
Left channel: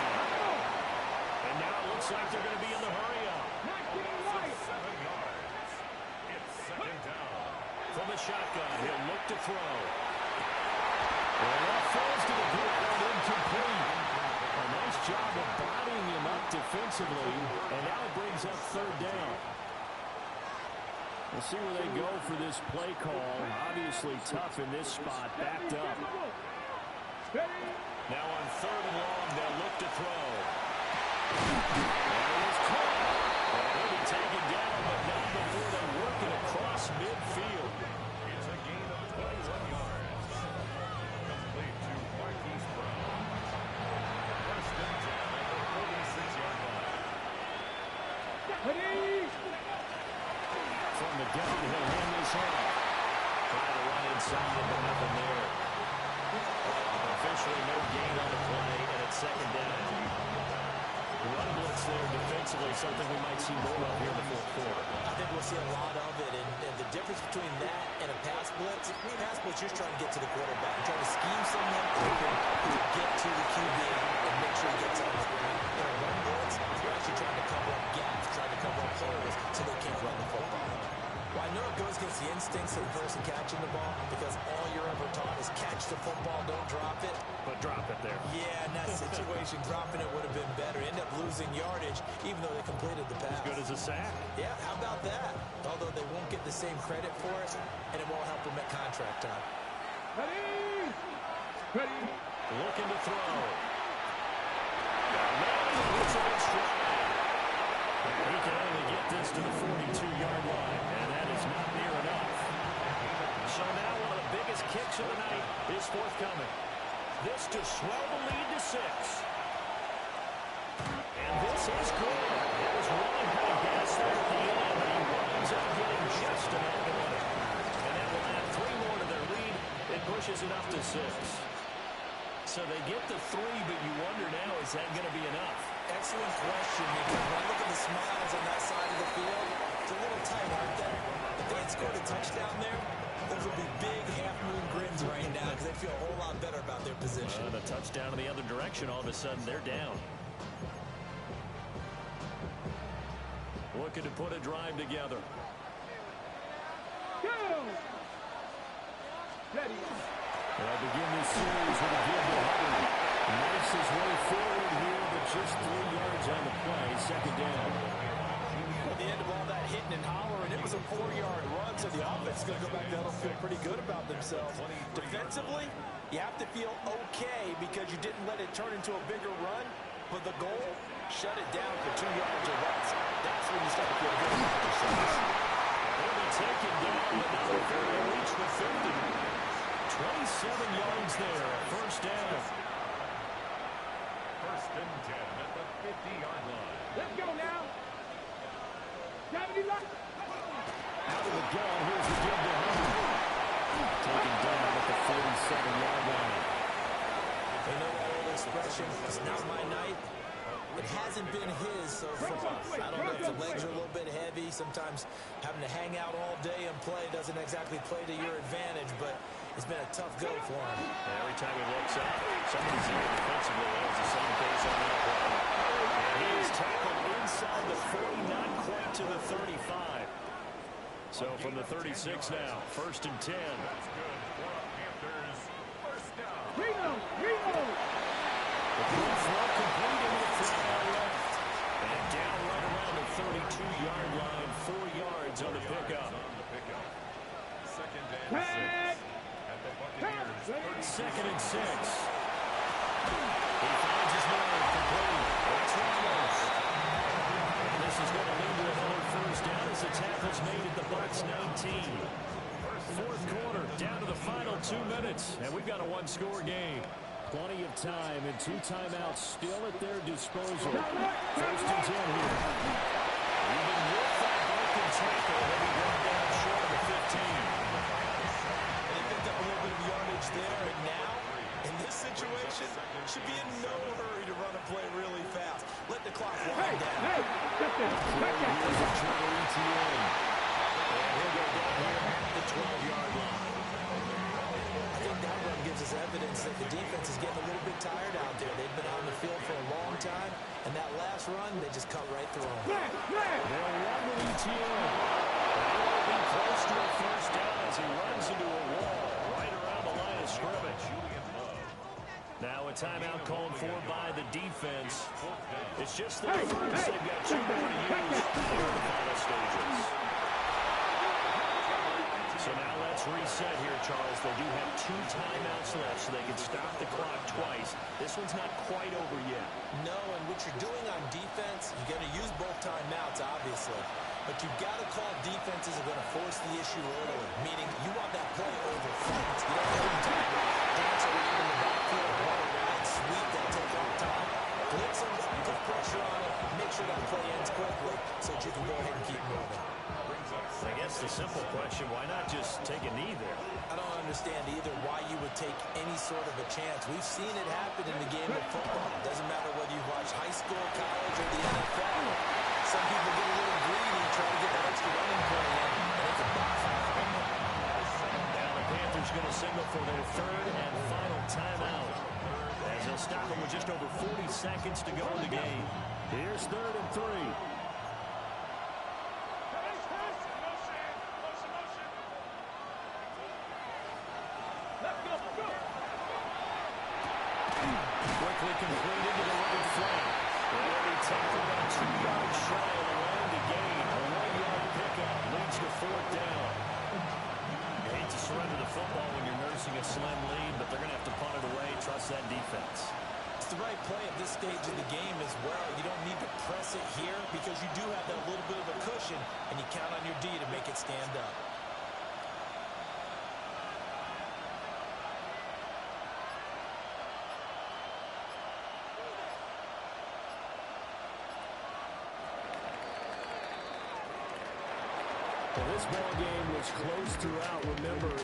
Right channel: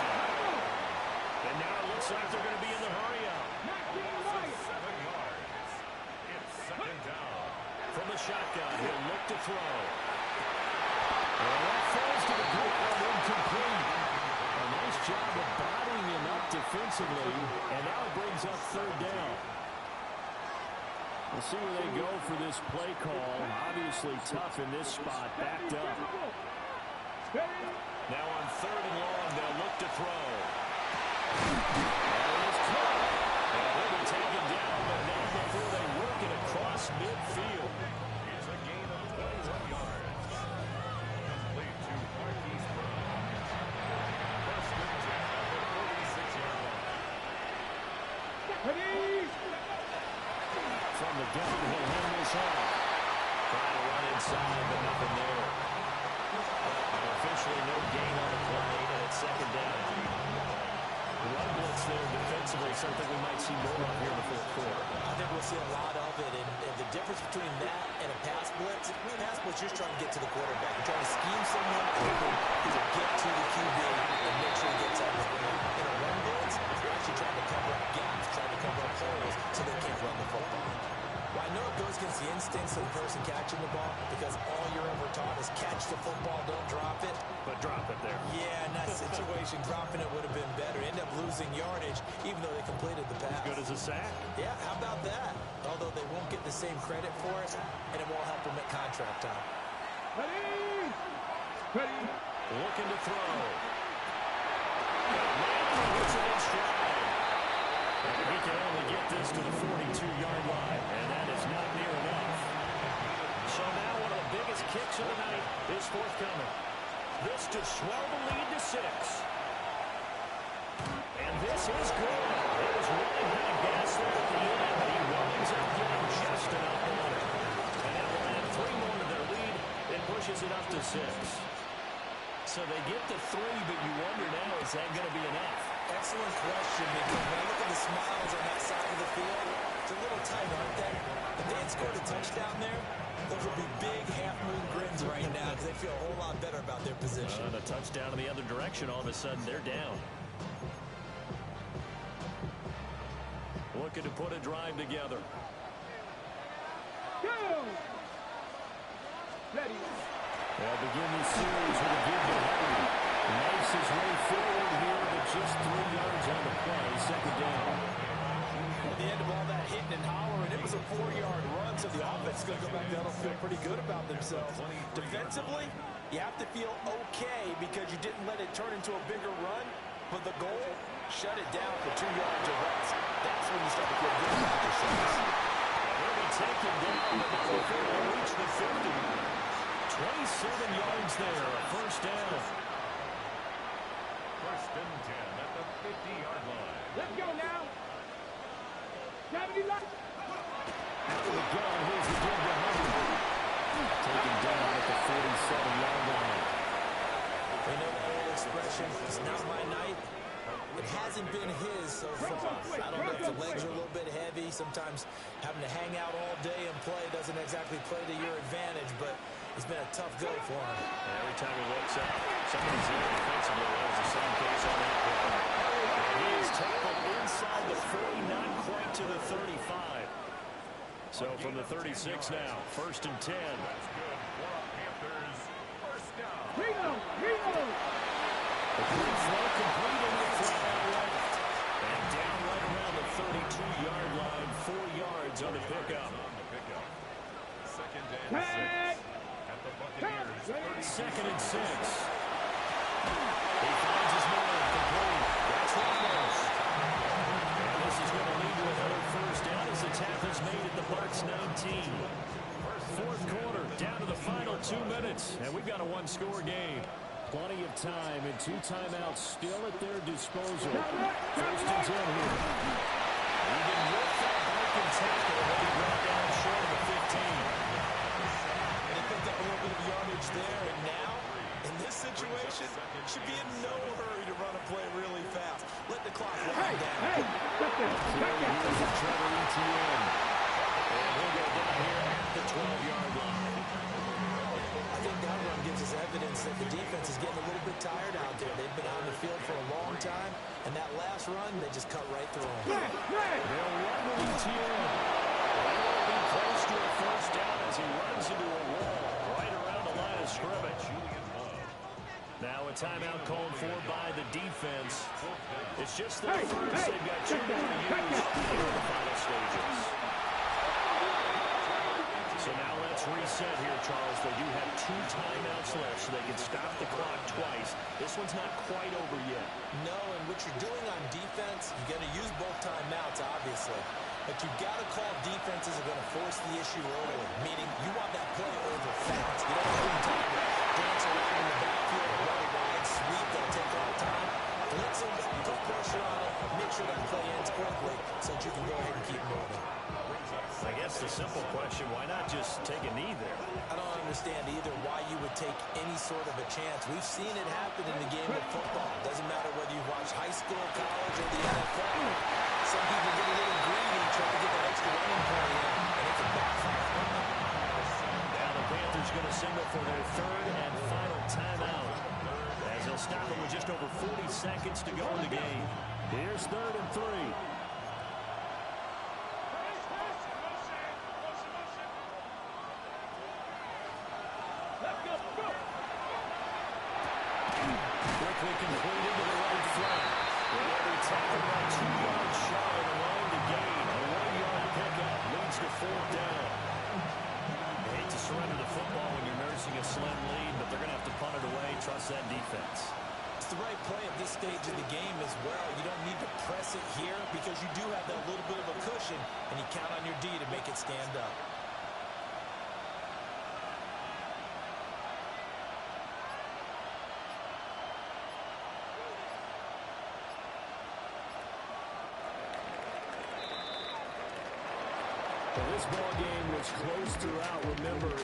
And now it looks like they're going to be in the hurry-up. 7 yards. It's 2nd down. From the shotgun, he'll look to throw. And that falls to the ground, incomplete. A nice job of bodying him up defensively, and now it brings up 3rd down. We'll see where they go for this play call. Obviously tough in this spot, backed up. Now on 3rd and long, they'll look to throw. And it is caught. And he'll be taken down, but not before they work it across midfield. It's a gain of 21 yards. Complete to Marquise Brown. 1st and 10 at the 46-yard line. Ready? From the gun, he'll hand this off. Trying to run inside, but nothing there. Officially no gain on the play, and it's second down. Run blitz there defensively, something we might see more of here in the fourth quarter. I think we'll see a lot of it, and the difference between that and a pass blitz, you're just trying to get to the quarterback. You're trying to scheme someone open who will get to the QB and make sure he gets on the ground. In a run blitz, you're actually trying to cover up gaps, trying to cover up holes so they can't run the football. Well, I know it goes against the instincts of the person catching the ball because all you're ever taught is catch the football, don't drop it. But drop it there. Yeah, in that situation, dropping it would have been better. End up losing yardage, even though they completed the pass. As good as a sack. Yeah, how about that? Although they won't get the same credit for it, and it won't help them at contract time. Ready? Ready? Looking to throw. Manning hits it in stride. He can only get this to the 42-yard line, and that is not near enough. So now one of the biggest kicks of the night is forthcoming. This to swell the lead to 6. And this is good. It was running out of gas there at the end, but he winds up getting just enough on it. And that will add 3 more to their lead. It pushes it up to 6. So they get the 3, but you wonder now, is that going to be enough? Excellent question, because when I look at the smiles on that side of the field, it's a little tight, aren't they? If they had scored a touchdown there, those would be big half-moon grins right now because they feel a whole lot better about their position. And a touchdown in the other direction, all of a sudden they're down. Looking to put a drive together. Go! Ready? They'll begin this series with a give to Hubbard. Makes his way forward here, but just 3 yards on the play, second down. At the end of all that hitting and hollering, it was a 4-yard run, so the offense is going to go back down and feel pretty good about themselves. Defensively, you have to feel okay because you didn't let it turn into a bigger run, but the goal, shut it down for 2 yards or less. That's when you start to feel good about yourselves. He'll be taken down, but not before they reach the 50. 27 yards there, a first down. First and 10 at the 50-yard line. Let's go now. 70 left. Out of the gun, here's the give to Hubbard. Taken down at the 47-yard line. They know that old expression, it's not my night. It hasn't been his so far. I don't know if the legs are a little bit heavy. Sometimes having to hang out all day and play doesn't exactly play to your advantage, but it's been a tough go for him. And every time he looks up, somebody's there defensively. That was the same case on that play. And he is tackled inside the 40, not quite to the 35. So from the 36 now, first and 10. That's good for a Panthers first down. Reno! The quick throw complete into the flat out left. And down right around the 32-yard line, 4 yards on the pickup. Second and 6 at the Buccaneers. Second and 6. He finds his man complete. That's Ramos. And this is going to lead to another first down as the tackle's made at the Bucs 19. Fourth quarter, down to the final 2 minutes, and we've got a 1-score game. Plenty of time and 2 timeouts still at their disposal. First and 10 here. Even with that broken tackle, he'll be brought down short of the 15. And he picked up a little bit of yardage there, and now, in this situation, should be in no hurry to run a play really fast. Let the clock wind down. Hey, step there. Back there. Here's Trevor Etienne. And he'll go down here at the 12-yard line. I think that run gives us evidence that the defense is getting a little bit tired out there. They've been on the field for a long time, and that last run, they just cut right through them. They'll run with Etienne. He won't be close to a first down as he runs into a wall right around the line of scrimmage. Now a timeout called for by the defense. It's just their first. They've got 2 more to use here in the final stages. So now let's reset here, Charles. They do have 2 timeouts left, so they can stop the clock twice. This one's not quite over yet. No, and what you're doing on defense, you're going to use both timeouts, obviously. But you've got to call defenses are going to force the issue early, meaning you want that play over fast. You don't have time to dance around in the backfield or run a wide sweep that'll take all time. blitz him, put pressure on him, make sure that play ends quickly so that you can go ahead and keep moving. I guess the simple question, why not just take a knee there? I don't understand either why you would take any sort of a chance. We've seen it happen in the game of football. It doesn't matter whether you watch high school, college, or the NFL. Some people get a little greedy, try to get that extra running play in, and it can backfire on them. Now the Panthers going to signal for their third and final timeout, as they'll stop them with just over 40 seconds to go in the game. Here's 3rd and 3. Quickly completed to the right flank. They'll be tackled about 2 yards shy of the line to gain. A 1-yard pickup leads to 4th down. You hate to surrender the football when you're nursing a slim lead, but they're going to have to punt it away. Trust that defense. It's the right play at this stage of the game as well. You don't need to press it here because you do have that little bit of a cushion, and you count on your D to make it stand up. Well, this ball game was close throughout. Remember,